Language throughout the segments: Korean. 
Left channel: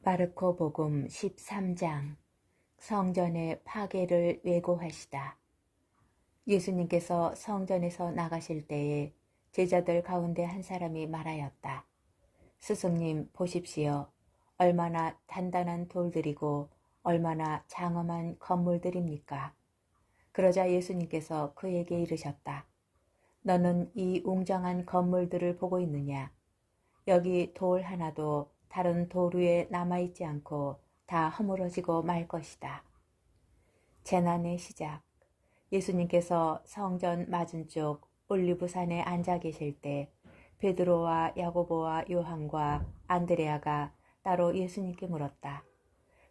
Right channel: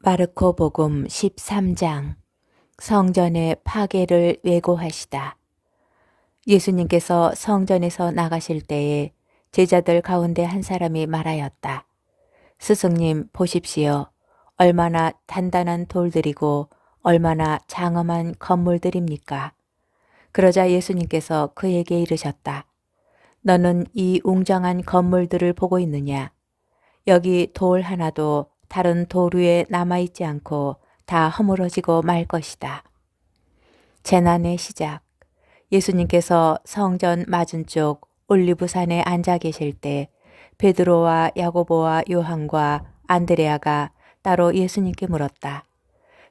마르코 복음 13장 성전의 파괴를 외고하시다. 예수님께서 성전에서 나가실 때에 제자들 가운데 한 사람이 말하였다. 스승님 보십시오. 얼마나 단단한 돌들이고 얼마나 장엄한 건물들입니까? 그러자 예수님께서 그에게 이르셨다. 너는 이 웅장한 건물들을 보고 있느냐? 여기 돌 하나도 다른 돌 위에 남아있지 않고 다 허물어지고 말 것이다. 재난의 시작. 예수님께서 성전 맞은쪽 올리브산에 앉아 계실 때 베드로와 야고보와 요한과 안드레아가 따로 예수님께 물었다.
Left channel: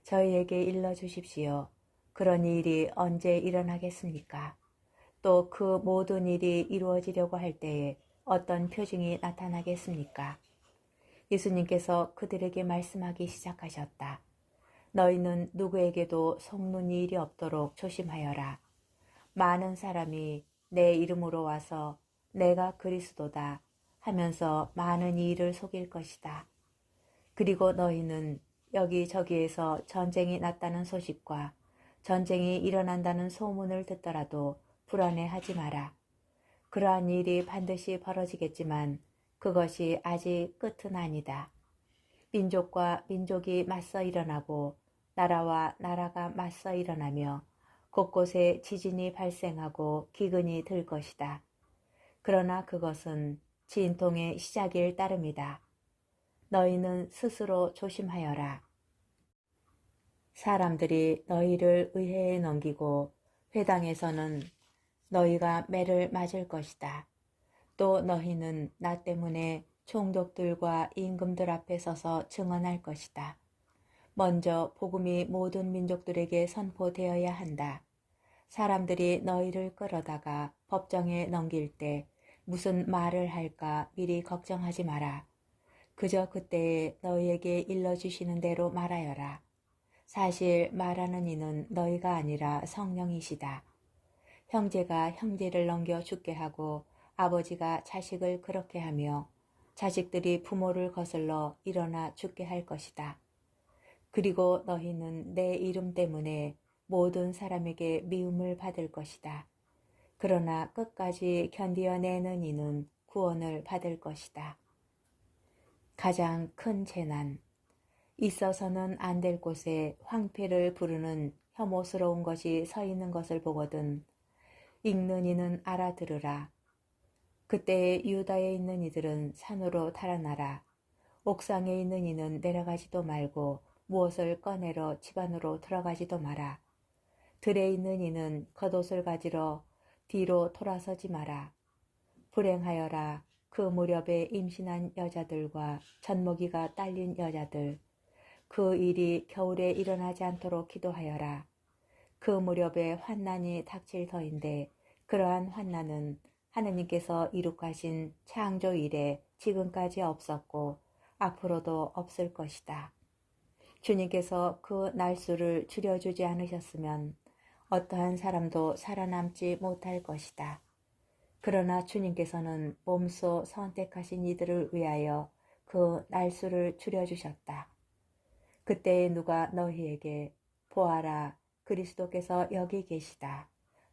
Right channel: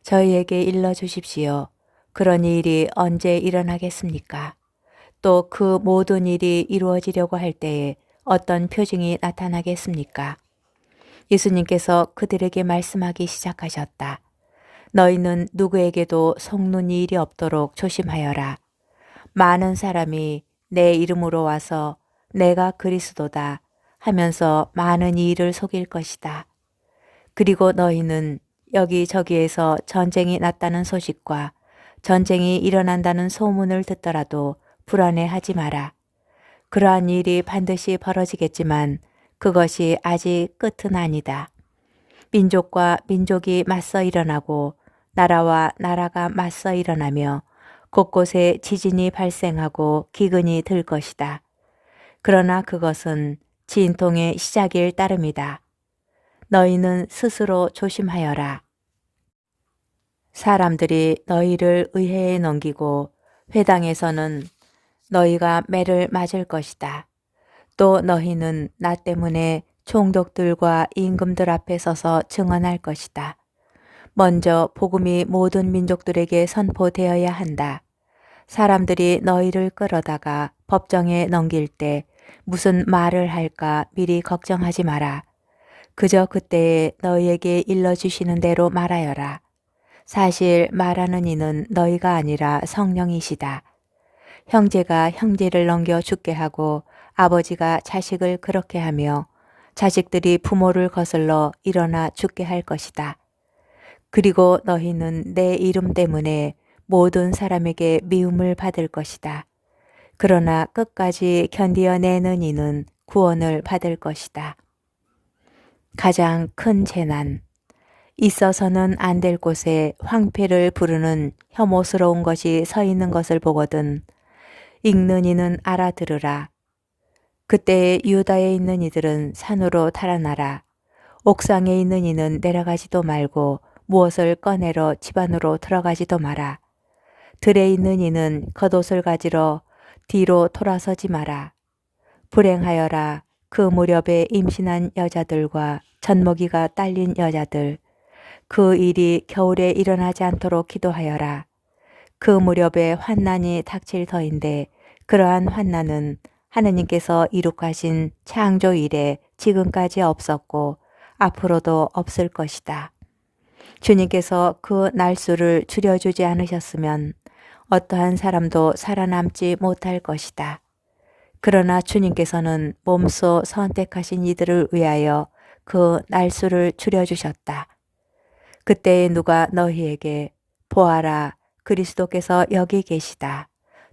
저희에게 일러 주십시오. 그런 일이 언제 일어나겠습니까? 또 그 모든 일이 이루어지려고 할 때에 어떤 표징이 나타나겠습니까? 예수님께서 그들에게 말씀하기 시작하셨다. 너희는 누구에게도 속는 일이 없도록 조심하여라. 많은 사람이 내 이름으로 와서 내가 그리스도다 하면서 많은 이를 속일 것이다. 그리고 너희는 여기저기에서 전쟁이 났다는 소식과 전쟁이 일어난다는 소문을 듣더라도 불안해하지 마라. 그러한 일이 반드시 벌어지겠지만 그것이 아직 끝은 아니다. 민족과 민족이 맞서 일어나고 나라와 나라가 맞서 일어나며 곳곳에 지진이 발생하고 기근이 들 것이다. 그러나 그것은 진통의 시작일 따름이다. 너희는 스스로 조심하여라. 사람들이 너희를 의회에 넘기고 회당에서는 너희가 매를 맞을 것이다. 또 너희는 나 때문에 총독들과 임금들 앞에 서서 증언할 것이다. 먼저 복음이 모든 민족들에게 선포되어야 한다. 사람들이 너희를 끌어다가 법정에 넘길 때 무슨 말을 할까 미리 걱정하지 마라. 그저 그때에 너희에게 일러주시는 대로 말하여라. 사실 말하는 이는 너희가 아니라 성령이시다. 형제가 형제를 넘겨 죽게 하고 아버지가 자식을 그렇게 하며 자식들이 부모를 거슬러 일어나 죽게 할 것이다. 그리고 너희는 내 이름 때문에 모든 사람에게 미움을 받을 것이다. 그러나 끝까지 견디어내는 이는 구원을 받을 것이다. 가장 큰 재난. 있어서는 안 될 곳에 황폐를 부르는 혐오스러운 것이 서 있는 것을 보거든 읽는 이는 알아들으라. 그때에 유다에 있는 이들은 산으로 달아나라. 옥상에 있는 이는 내려가지도 말고 무엇을 꺼내러 집 안으로 들어가지도 마라. 들에 있는 이는 겉옷을 가지러 뒤로 돌아서지 마라. 불행하여라. 그 무렵에 임신한 여자들과 젖먹이가 딸린 여자들. 그 일이 겨울에 일어나지 않도록 기도하여라. 그 무렵에 환난이 닥칠 터인데 그러한 환난은 하느님께서 이룩하신 창조 이래 지금까지 없었고 앞으로도 없을 것이다. 주님께서 그 날수를 줄여주지 않으셨으면 어떠한 사람도 살아남지 못할 것이다. 그러나 주님께서는 몸소 선택하신 이들을 위하여 그 날수를 줄여주셨다. 그때에 누가 너희에게 보아라 그리스도께서 여기 계시다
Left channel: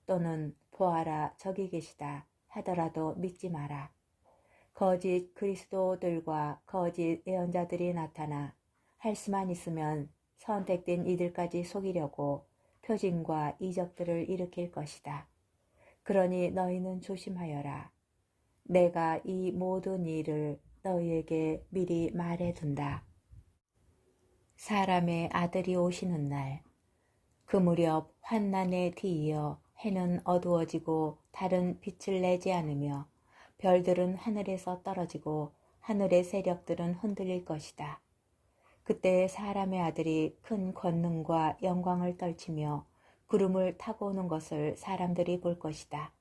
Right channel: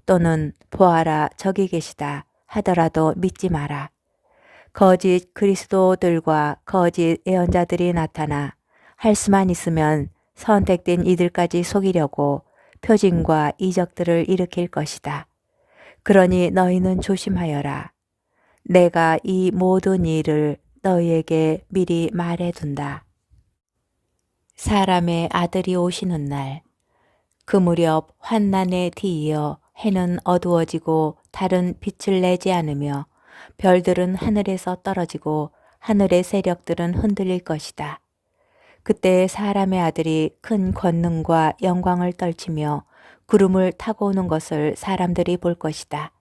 또는 보아라 저기 계시다 하더라도 믿지 마라. 거짓 그리스도들과 거짓 예언자들이 나타나 할 수만 있으면 선택된 이들까지 속이려고 표징과 이적들을 일으킬 것이다. 그러니 너희는 조심하여라. 내가 이 모든 일을 너희에게 미리 말해둔다. 사람의 아들이 오시는 날. 그 무렵 환난에 뒤이어 해는 어두워지고 달은 빛을 내지 않으며 별들은 하늘에서 떨어지고 하늘의 세력들은 흔들릴 것이다. 그때 사람의 아들이 큰 권능과 영광을 떨치며 구름을 타고 오는 것을 사람들이 볼 것이다.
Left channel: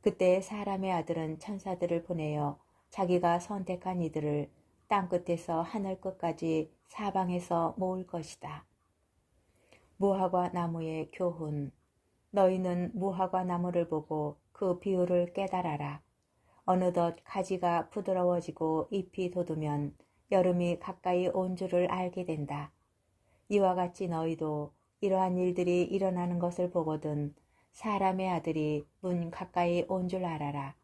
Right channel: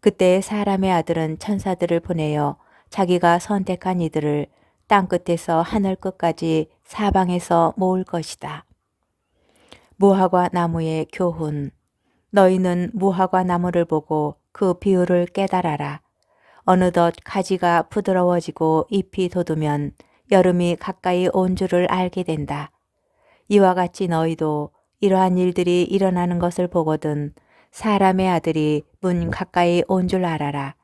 그때 사람의 아들은 천사들을 보내어 자기가 선택한 이들을 땅 끝에서 하늘 끝까지 사방에서 모을 것이다. 무화과 나무의 교훈. 너희는 무화과 나무를 보고 그 비율을 깨달아라. 어느덧 가지가 부드러워지고 잎이 돋으면 여름이 가까이 온 줄을 알게 된다. 이와 같이 너희도 이러한 일들이 일어나는 것을 보거든 사람의 아들이 문 가까이 온 줄 알아라.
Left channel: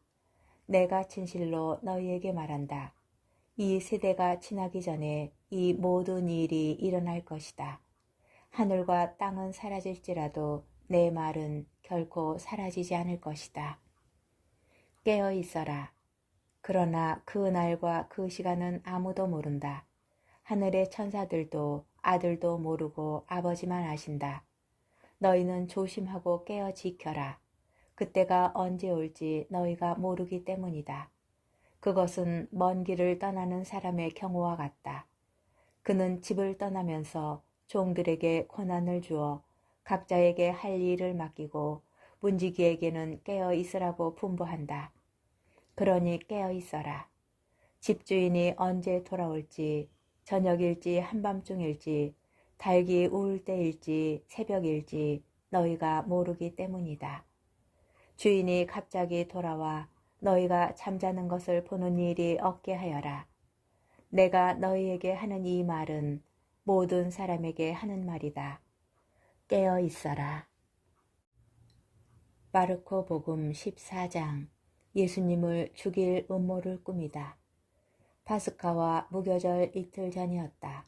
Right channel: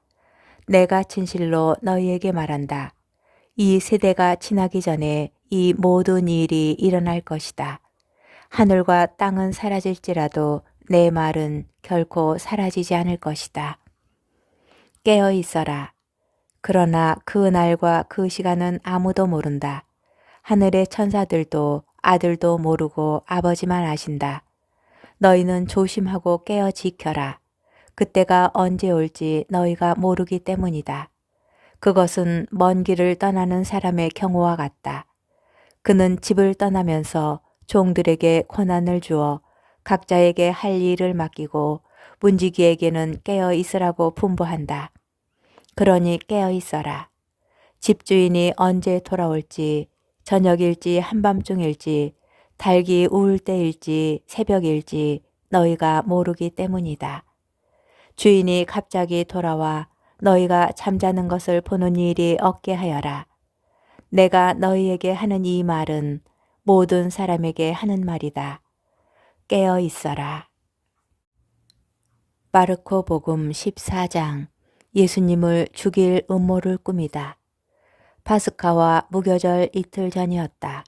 내가 진실로 너희에게 말한다. 이 세대가 지나기 전에 이 모든 일이 일어날 것이다. 하늘과 땅은 사라질지라도 내 말은 결코 사라지지 않을 것이다. 깨어 있어라. 그러나 그 날과 그 시간은 아무도 모른다. 하늘의 천사들도 아들도 모르고 아버지만 아신다. 너희는 조심하고 깨어 지켜라. 그때가 언제 올지 너희가 모르기 때문이다. 그것은 먼 길을 떠나는 사람의 경우와 같다. 그는 집을 떠나면서 종들에게 권한을 주어 각자에게 할 일을 맡기고 문지기에게는 깨어 있으라고 분부한다. 그러니 깨어 있어라. 집주인이 언제 돌아올지 저녁일지 한밤중일지 달기 우울 때일지 새벽일지 너희가 모르기 때문이다. 주인이 갑자기 돌아와 너희가 잠자는 것을 보는 일이 없게 하여라. 내가 너희에게 하는 이 말은 모든 사람에게 하는 말이다. 깨어 있어라. 마르코 복음 14장. 예수님을 죽일 음모를 꾸미다. 파스카와 무교절 이틀 전이었다.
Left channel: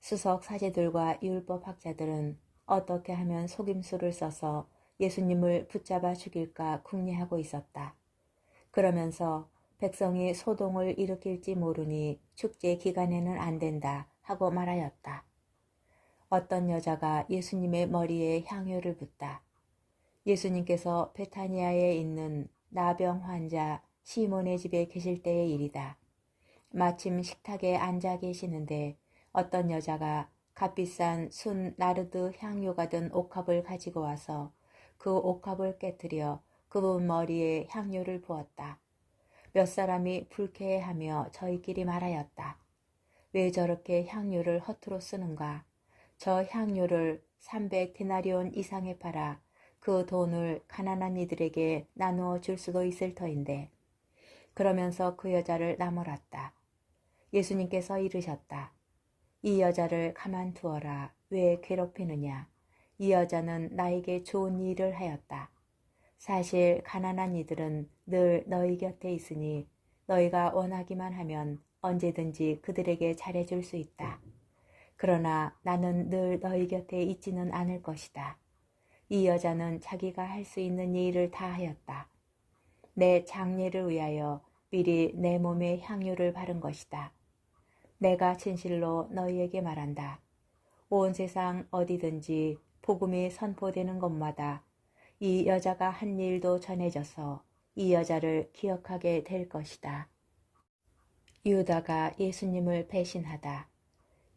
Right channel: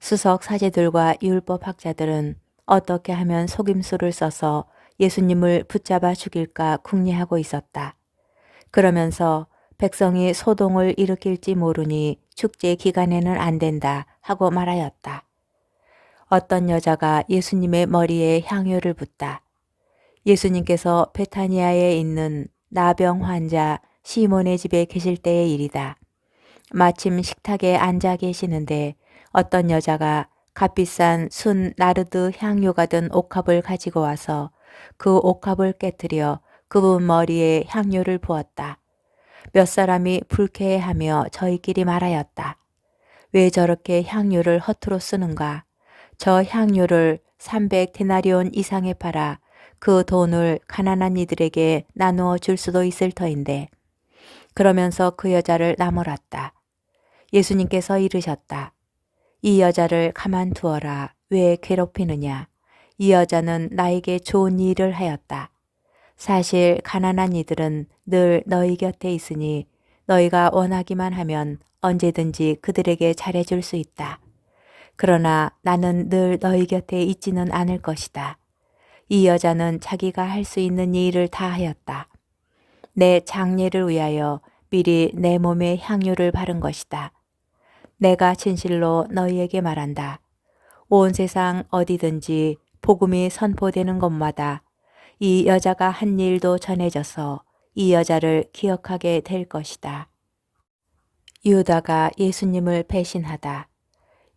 수석 사제들과 율법 학자들은 어떻게 하면 속임수를 써서 예수님을 붙잡아 죽일까 궁리하고 있었다. 그러면서 백성이 소동을 일으킬지 모르니 축제 기간에는 안 된다 하고 말하였다. 어떤 여자가 예수님의 머리에 향유를 붓다. 예수님께서 베타니아에 있는 나병 환자 시몬의 집에 계실 때의 일이다. 마침 식탁에 앉아 계시는데 어떤 여자가 값비싼 순 나르드 향유가 든 옥합을 가지고 와서 그 옥합을 깨뜨려 그분 머리에 향유를 부었다. 몇 사람이 불쾌해하며 저희끼리 말하였다. 왜 저렇게 향유를 허투루 쓰는가? 저 향유를 300데나리온 이상에 팔아 그 돈을 가난한 이들에게 나누어 줄 수도 있을 터인데. 그러면서 그 여자를 나무랐다. 예수님께서 이르셨다. 이 여자를 가만두어라. 왜 괴롭히느냐? 이 여자는 나에게 좋은 일을 하였다. 사실 가난한 이들은 늘 너희 곁에 있으니 너희가 원하기만 하면 언제든지 그들에게 잘해줄 수 있다. 그러나 나는 늘 너희 곁에 있지는 않을 것이다. 이 여자는 자기가 할 수 있는 일을 다 하였다. 내 장례를 위하여 미리 내 몸에 향유를 바른 것이다. 내가 진실로 너희에게 말한다. 온 세상 어디든지 복음이 선포되는 곳마다 이 여자가 한 일도 전해져서 이 여자를 기억하게 될 것이다. 유다가 예수님을 배신하다.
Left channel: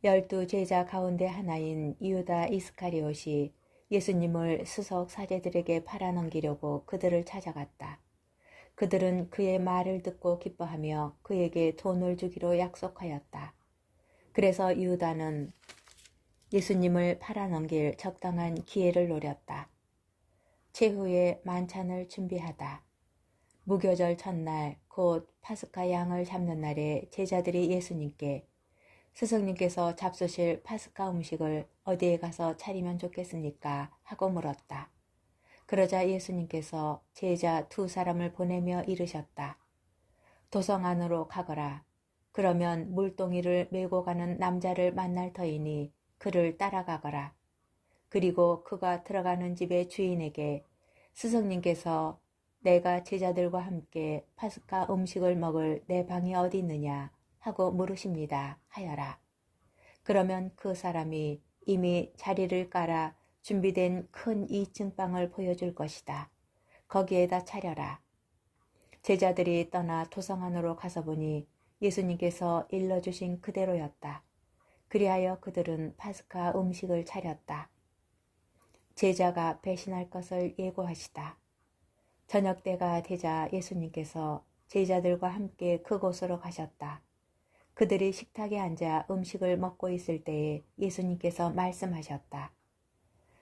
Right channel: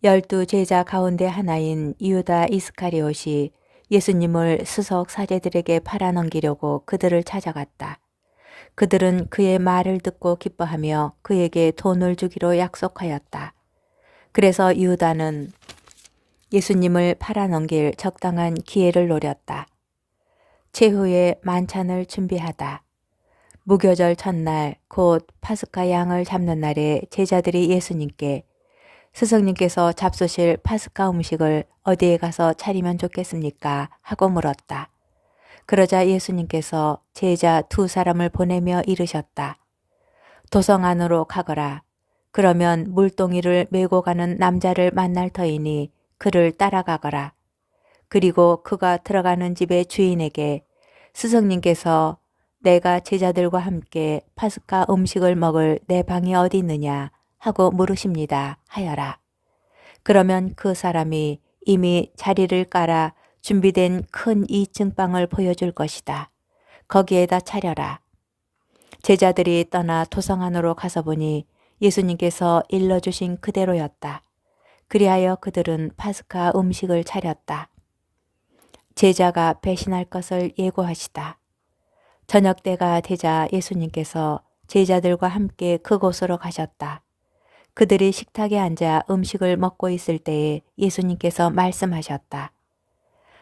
12 제자 가운데 하나인 유다 이스카리옷이 예수님을 수석 사제들에게 팔아넘기려고 그들을 찾아갔다. 그들은 그의 말을 듣고 기뻐하며 그에게 돈을 주기로 약속하였다. 그래서 유다는 예수님을 팔아넘길 적당한 기회를 노렸다. 최후의 만찬을 준비하다. 무교절 첫날 곧 파스카 양을 잡는 날에 제자들이 예수님께 스승님께서 잡수실 파스카 음식을 어디에 가서 차리면 좋겠습니까? 하고 물었다. 그러자 예수님께서 제자 2사람을 보내며 이르셨다. 도성 안으로 가거라. 그러면 물동이를 메고 가는 남자를 만날 터이니 그를 따라가거라. 그리고 그가 들어가는 집의 주인에게 스승님께서 내가 제자들과 함께 파스카 음식을 먹을 내 방이 어디 있느냐 하고 물으십니다 하여라. 그러면 그 사람이 이미 자리를 깔아 준비된 큰 2층 방을 보여줄 것이다. 거기에다 차려라. 제자들이 떠나 도성 안으로 가서 보니 예수님께서 일러주신 그대로였다. 그리하여 그들은 파스카 음식을 차렸다. 제자가 배신할 것을 예고하시다. 저녁 때가 되자 예수님께서 제자들과 함께 그곳으로 가셨다. 그들이 식탁에 앉아 음식을 먹고 있을 때에 예수님께서 말씀하셨다.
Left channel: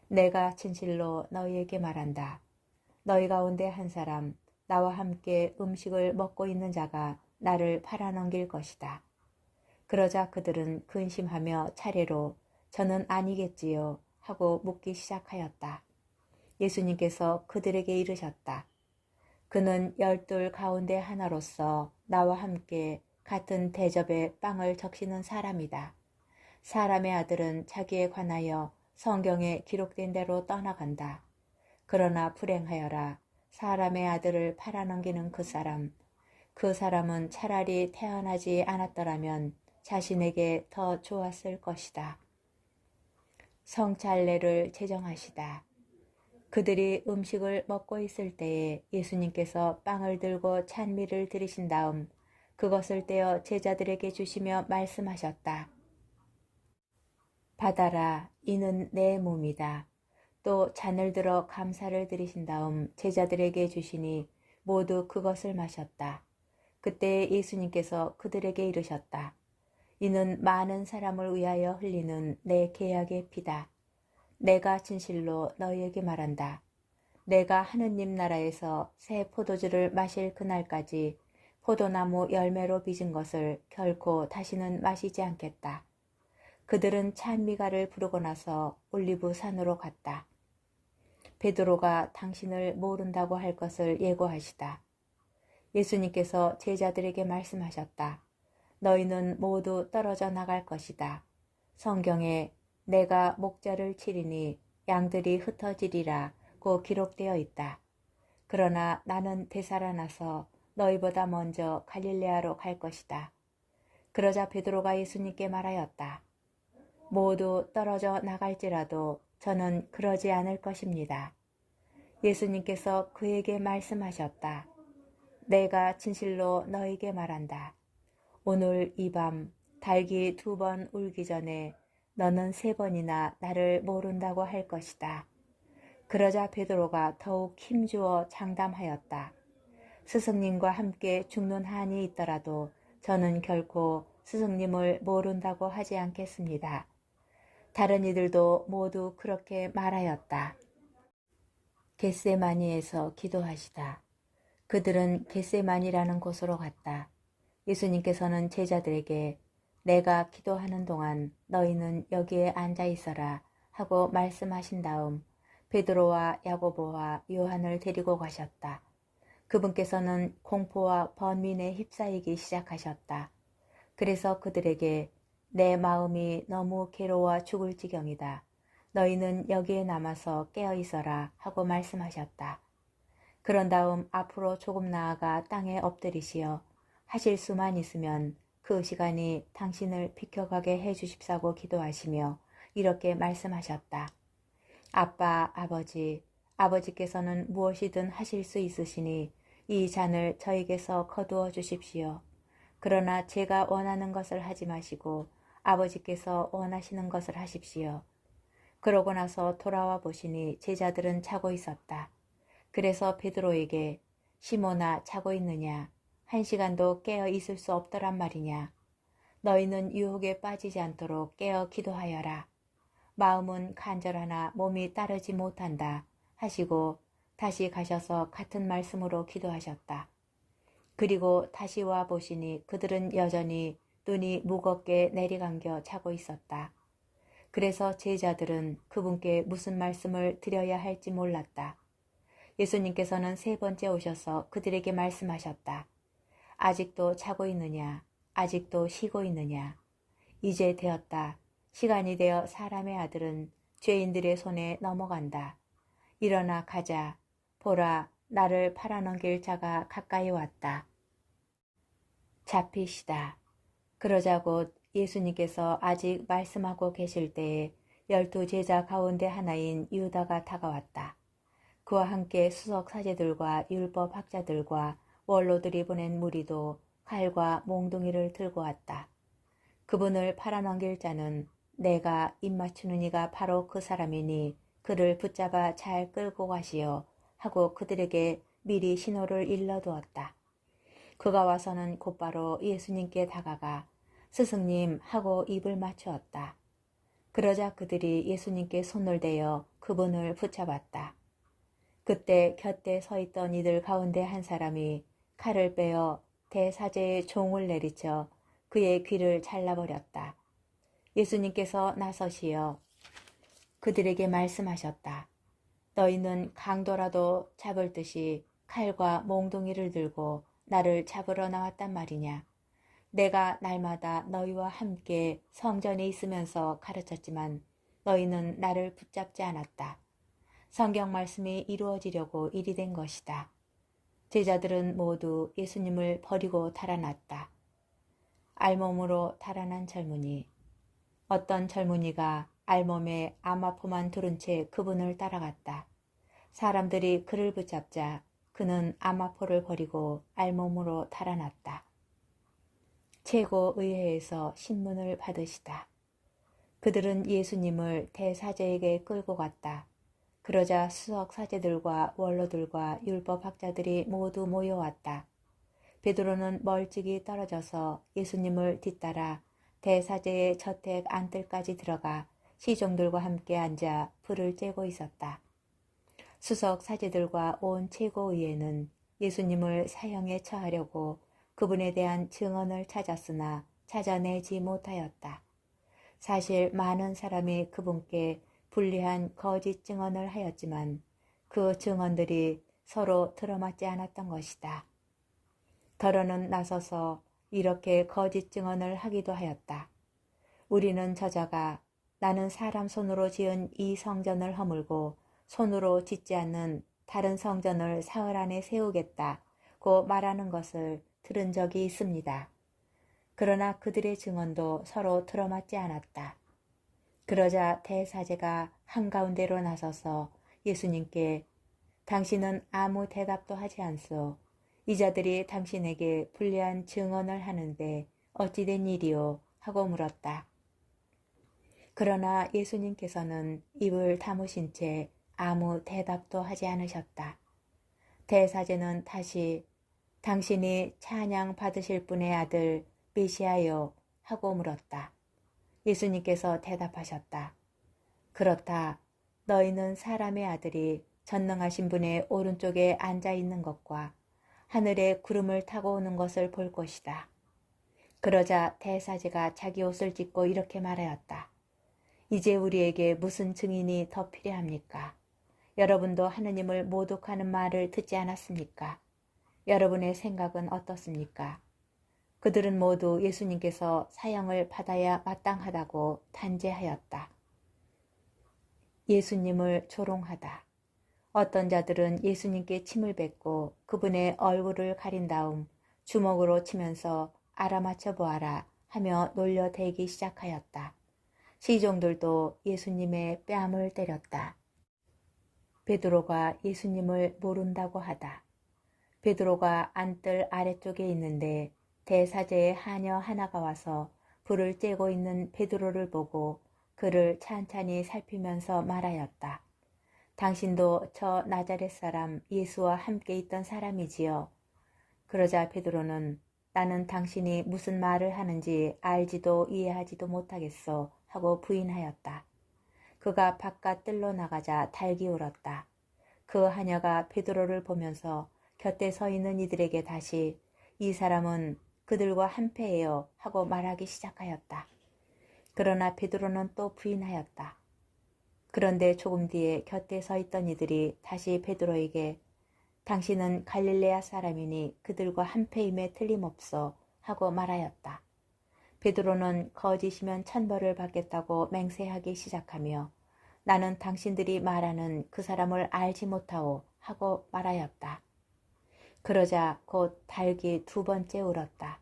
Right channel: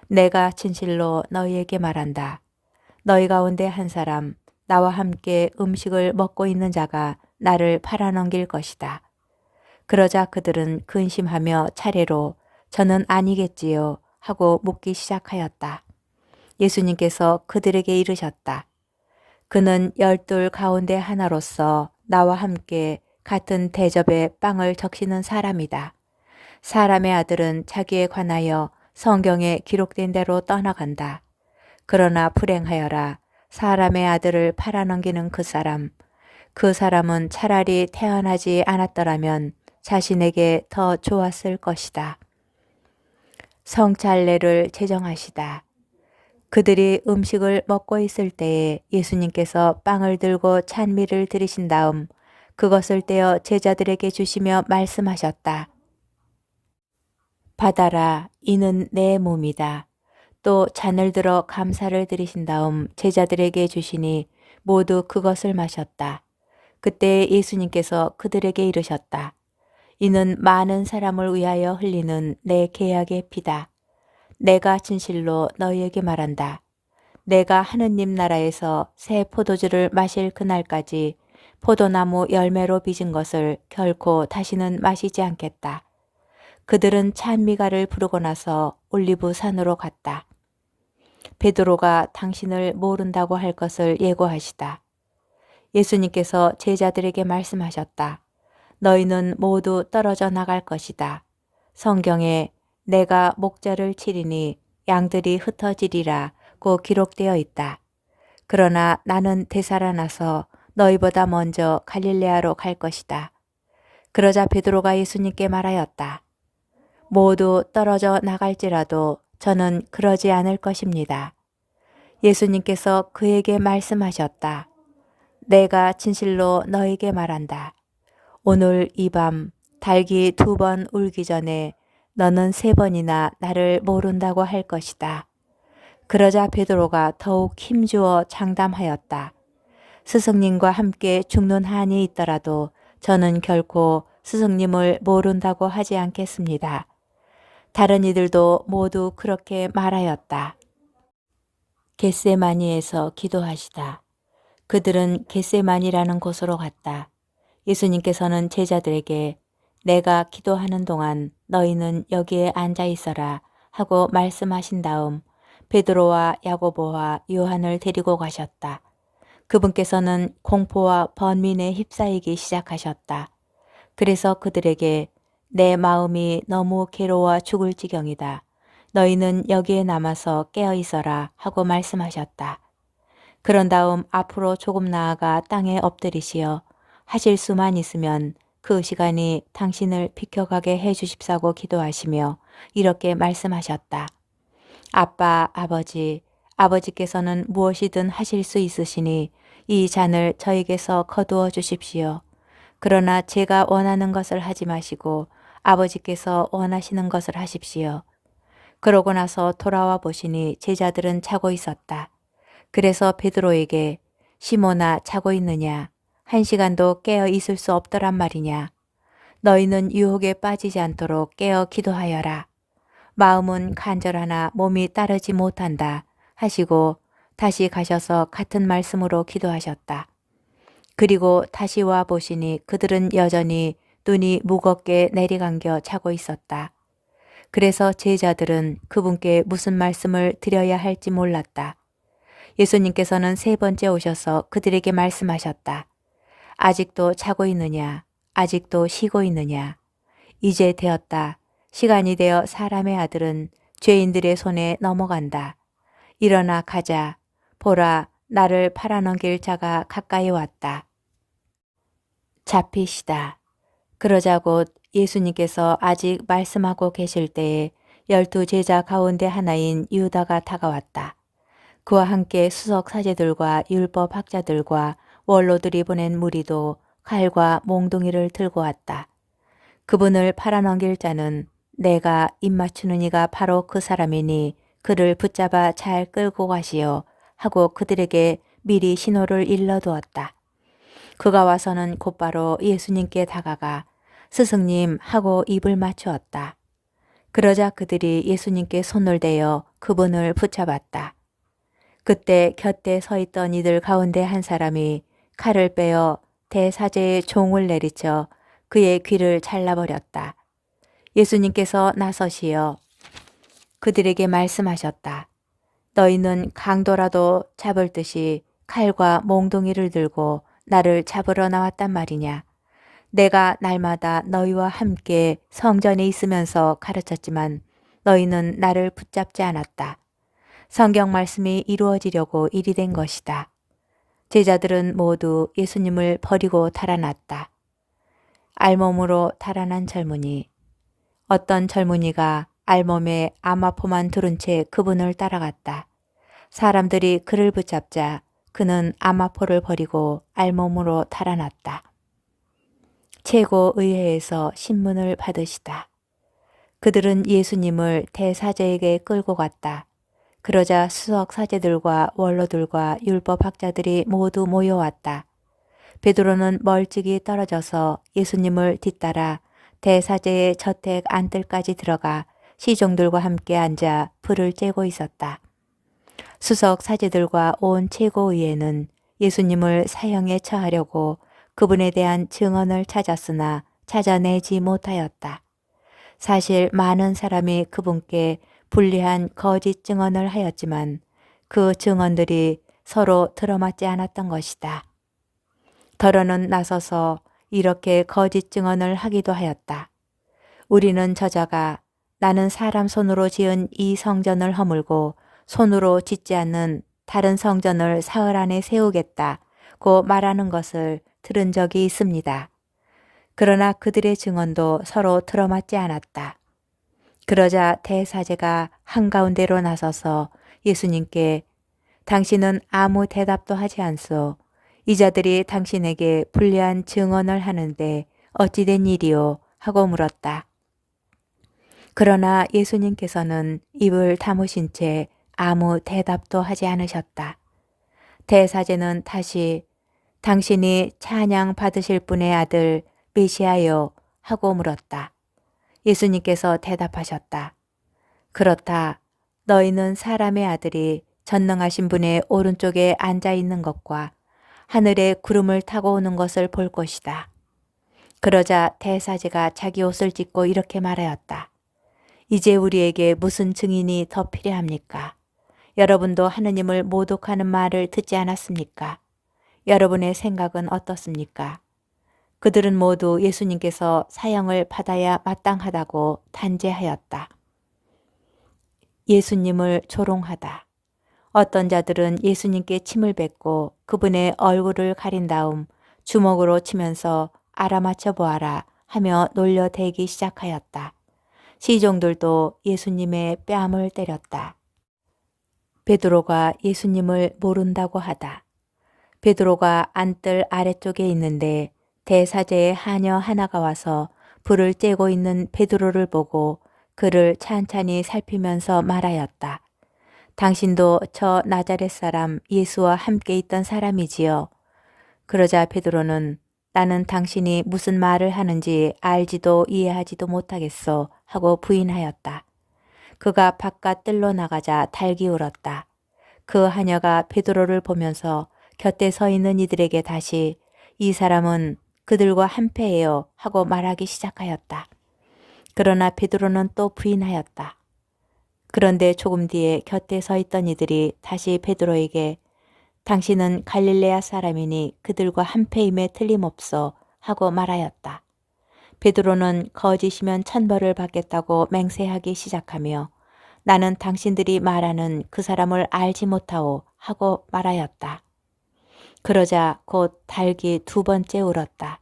내가 진실로 너희에게 말한다. 너희 가운데 한 사람, 나와 함께 음식을 먹고 있는 자가 나를 팔아넘길 것이다. 그러자 그들은 근심하며 차례로 저는 아니겠지요 하고 묻기 시작하였다. 예수님께서 그들에게 이르셨다. 그는 12 가운데 하나로서 나와 함께 같은 대접에 빵을 적시는 사람이다. 사람의 아들은 자기에 관하여 성경에 기록된 대로 떠나간다. 그러나 불행하여라. 사람의 아들을 팔아넘기는 그 사람은 차라리 태어나지 않았더라면 자신에게 더 좋았을 것이다. 성찬례를 제정하시다. 그들이 음식을 먹고 있을 때에 예수님께서 빵을 들고 찬미를 드리신 다음 그것을 떼어 제자들에게 주시며 말씀하셨다. 받아라, 이는 내 몸이다. 또 잔을 들어 감사를 드리신 다음 제자들에게 주시니 모두 그것을 마셨다. 그때 예수님께서 그들에게 이르셨다. 이는 많은 사람을 위하여 흘리는 내 계약의 피다. 내가 진실로 너희에게 말한다. 내가 하느님 나라에서 새 포도주를 마실 그날까지 포도나무 열매로 빚은 것을 결코 다시는 마시지 않겠다. 그들은 찬미가를 부르고 나서 올리브 산으로 갔다. 베드로가 당신을 모른다고 할 것을 예고하시다. 예수님께서 제자들에게 말씀하셨다. 너희는 모두 떨어져 나갈 것이다. 성경에 내가 목자를 치리니 양들이 흩어지리라고 기록되어 있다. 그러나 나는 되살아나서 너희보다 먼저 갈릴레아로 갈 것이다. 그러자 베드로가 예수님께 말하였다. 모두 떨어져 나갈지라도 저는 그러지 않을 것입니다. 예수님께서 그에게 말씀하셨다. 내가 진실로 너에게 말한다. 오늘 이 밤 닭이 2번 울기 전에 너는 3번이나 나를 모른다고 할 것이다. 그러자 베드로가 더욱 힘주어 장담하였다. 스승님과 함께 죽는 한이 있더라도 저는 결코 스승님을 모른다고 하지 않겠습니다. 다른 이들도 모두 그렇게 말하였다. 겟세마니에서 기도하시다. 그들은 겟세마니라는 곳으로 갔다. 예수님께서는 제자들에게 내가 기도하는 동안 너희는 여기에 앉아 있어라 하고 말씀하신 다음 베드로와 야고보와 요한을 데리고 가셨다. 그분께서는 공포와 번민에 휩싸이기 시작하셨다. 그래서 그들에게 내 마음이 너무 괴로워 죽을 지경이다. 너희는 여기에 남아서 깨어 있어라 하고 말씀하셨다. 그런 다음 앞으로 조금 나아가 땅에 엎드리시어 하실 수만 있으면 그 시간이 당신을 비켜가게 해 주십사고 기도하시며 이렇게 말씀하셨다. 아빠, 아버지께서는 무엇이든 하실 수 있으시니 이 잔을 저에게서 거두어 주십시오. 그러나 제가 원하는 것을 하지 마시고 아버지께서 원하시는 것을 하십시오. 그러고 나서 돌아와 보시니 제자들은 자고 있었다. 그래서 베드로에게 시몬아 자고 있느냐? 1시간도 깨어 있을 수 없더란 말이냐? 너희는 유혹에 빠지지 않도록 깨어 기도하여라. 마음은 간절하나 몸이 따르지 못한다 하시고 다시 가셔서 같은 말씀으로 기도하셨다. 그리고 다시 와 보시니 그들은 여전히 눈이 무겁게 내리감겨 자고 있었다. 그래서 제자들은 그분께 무슨 말씀을 드려야 할지 몰랐다. 예수님께서는 3번째 오셔서 그들에게 말씀하셨다. 아직도 자고 있느냐? 아직도 쉬고 있느냐? 이제 되었다. 시간이 되어 사람의 아들은 죄인들의 손에 넘어간다. 일어나 가자. 보라, 나를 팔아넘길 자가 가까이 왔다. 잡히시다. 그러자 곧 예수님께서 아직 말씀하고 계실 때에 12 제자 가운데 하나인 유다가 다가왔다. 그와 함께 수석 사제들과 율법 학자들과 원로들이 보낸 무리도 칼과 몽둥이를 들고 왔다. 그분을 팔아넘길 자는 내가 입맞추는 이가 바로 그 사람이니 그를 붙잡아 잘 끌고 가시오 하고 그들에게 미리 신호를 일러두었다. 그가 와서는 곧바로 예수님께 다가가 스승님 하고 입을 맞추었다. 그러자 그들이 예수님께 손을 대어 그분을 붙잡았다. 그때 곁에 서 있던 이들 가운데 한 사람이 칼을 빼어 대사제의 종을 내리쳐 그의 귀를 잘라버렸다. 예수님께서 나서시어 그들에게 말씀하셨다. 너희는 강도라도 잡을 듯이 칼과 몽둥이를 들고 나를 잡으러 나왔단 말이냐. 내가 날마다 너희와 함께 성전에 있으면서 가르쳤지만 너희는 나를 붙잡지 않았다. 성경 말씀이 이루어지려고 일이 된 것이다. 제자들은 모두 예수님을 버리고 달아났다. 알몸으로 달아난 젊은이. 어떤 젊은이가 알몸에 암마포만 두른 채 그분을 따라갔다. 사람들이 그를 붙잡자 그는 암마포를 버리고 알몸으로 달아났다. 최고의회에서 신문을 받으시다. 그들은 예수님을 대사제에게 끌고 갔다. 그러자 수석사제들과 원로들과 율법학자들이 모두 모여왔다. 베드로는 멀찍이 떨어져서 예수님을 뒤따라 대사제의 저택 안뜰까지 들어가 시종들과 함께 앉아 불을 쬐고 있었다. 수석 사제들과 온 최고의회는 예수님을 사형에 처하려고 그분에 대한 증언을 찾았으나 찾아내지 못하였다. 사실 많은 사람이 그분께 불리한 거짓 증언을 하였지만 그 증언들이 서로 들어맞지 않았던 것이다. 더러는 나서서 이렇게 거짓 증언을 하기도 하였다. 우리는 저자가 나는 사람 손으로 지은 이 성전을 허물고 손으로 짓지 않는 다른 성전을 사흘 안에 세우겠다고 말하는 것을 들은 적이 있습니다. 그러나 그들의 증언도 서로 들어맞지 않았다. 그러자 대사제가 한가운데로 나서서 예수님께 당신은 아무 대답도 하지 않소. 이 자들이 당신에게 불리한 증언을 하는데 어찌 된 일이오? 하고 물었다. 그러나 예수님께서는 입을 다무신 채 아무 대답도 하지 않으셨다. 대사제는 다시 당신이 찬양 받으실 분의 아들 메시아요 하고 물었다. 예수님께서 대답하셨다. 그렇다. 너희는 사람의 아들이 전능하신 분의 오른쪽에 앉아 있는 것과 하늘에 구름을 타고 오는 것을 볼 것이다. 그러자 대사제가 자기 옷을 찢고 이렇게 말하였다. 이제 우리에게 무슨 증인이 더 필요합니까? 여러분도 하느님을 모독하는 말을 듣지 않았습니까? 여러분의 생각은 어떻습니까? 그들은 모두 예수님께서 사형을 받아야 마땅하다고 단죄하였다. 예수님을 조롱하다. 어떤 자들은 예수님께 침을 뱉고 그분의 얼굴을 가린 다음 주먹으로 치면서 알아맞혀 보아라 하며 놀려대기 시작하였다. 시종들도 예수님의 뺨을 때렸다. 베드로가 예수님을 모른다고 하다. 베드로가 안뜰 아래쪽에 있는데 대사제의 하녀 하나가 와서 불을 쬐고 있는 베드로를 보고 그를 찬찬히 살피면서 말하였다. 당신도 저 나자렛 사람 예수와 함께 있던 사람이지요. 그러자 베드로는 나는 당신이 무슨 말을 하는지 알지도 이해하지도 못하겠소 하고 부인하였다. 그가 바깥 뜰로 나가자 달기 울었다. 그 하녀가 베드로를 보면서 곁에 서 있는 이들에게 다시 이 사람은 그들과 한패예요 하고 말하기 시작하였다. 그러나 베드로는 또 부인하였다. 그런데 조금 뒤에 곁에 서 있던 이들이 다시 베드로에게 당신은 갈릴레아 사람이니 그들과 한패임에 틀림없어 하고 말하였다. 베드로는 거짓이면 천벌을 받겠다고 맹세하기 시작하며 나는 당신들이 말하는 그 사람을 알지 못하오 하고 말하였다. 그러자 곧 닭이 2번째 울었다.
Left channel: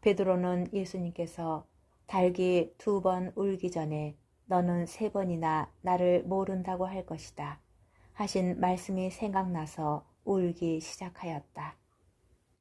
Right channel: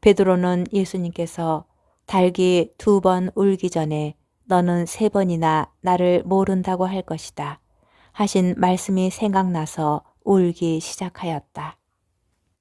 베드로는 예수님께서 닭이 2번 울기 전에 너는 3번이나 나를 모른다고 할 것이다 하신 말씀이 생각나서 울기 시작하였다.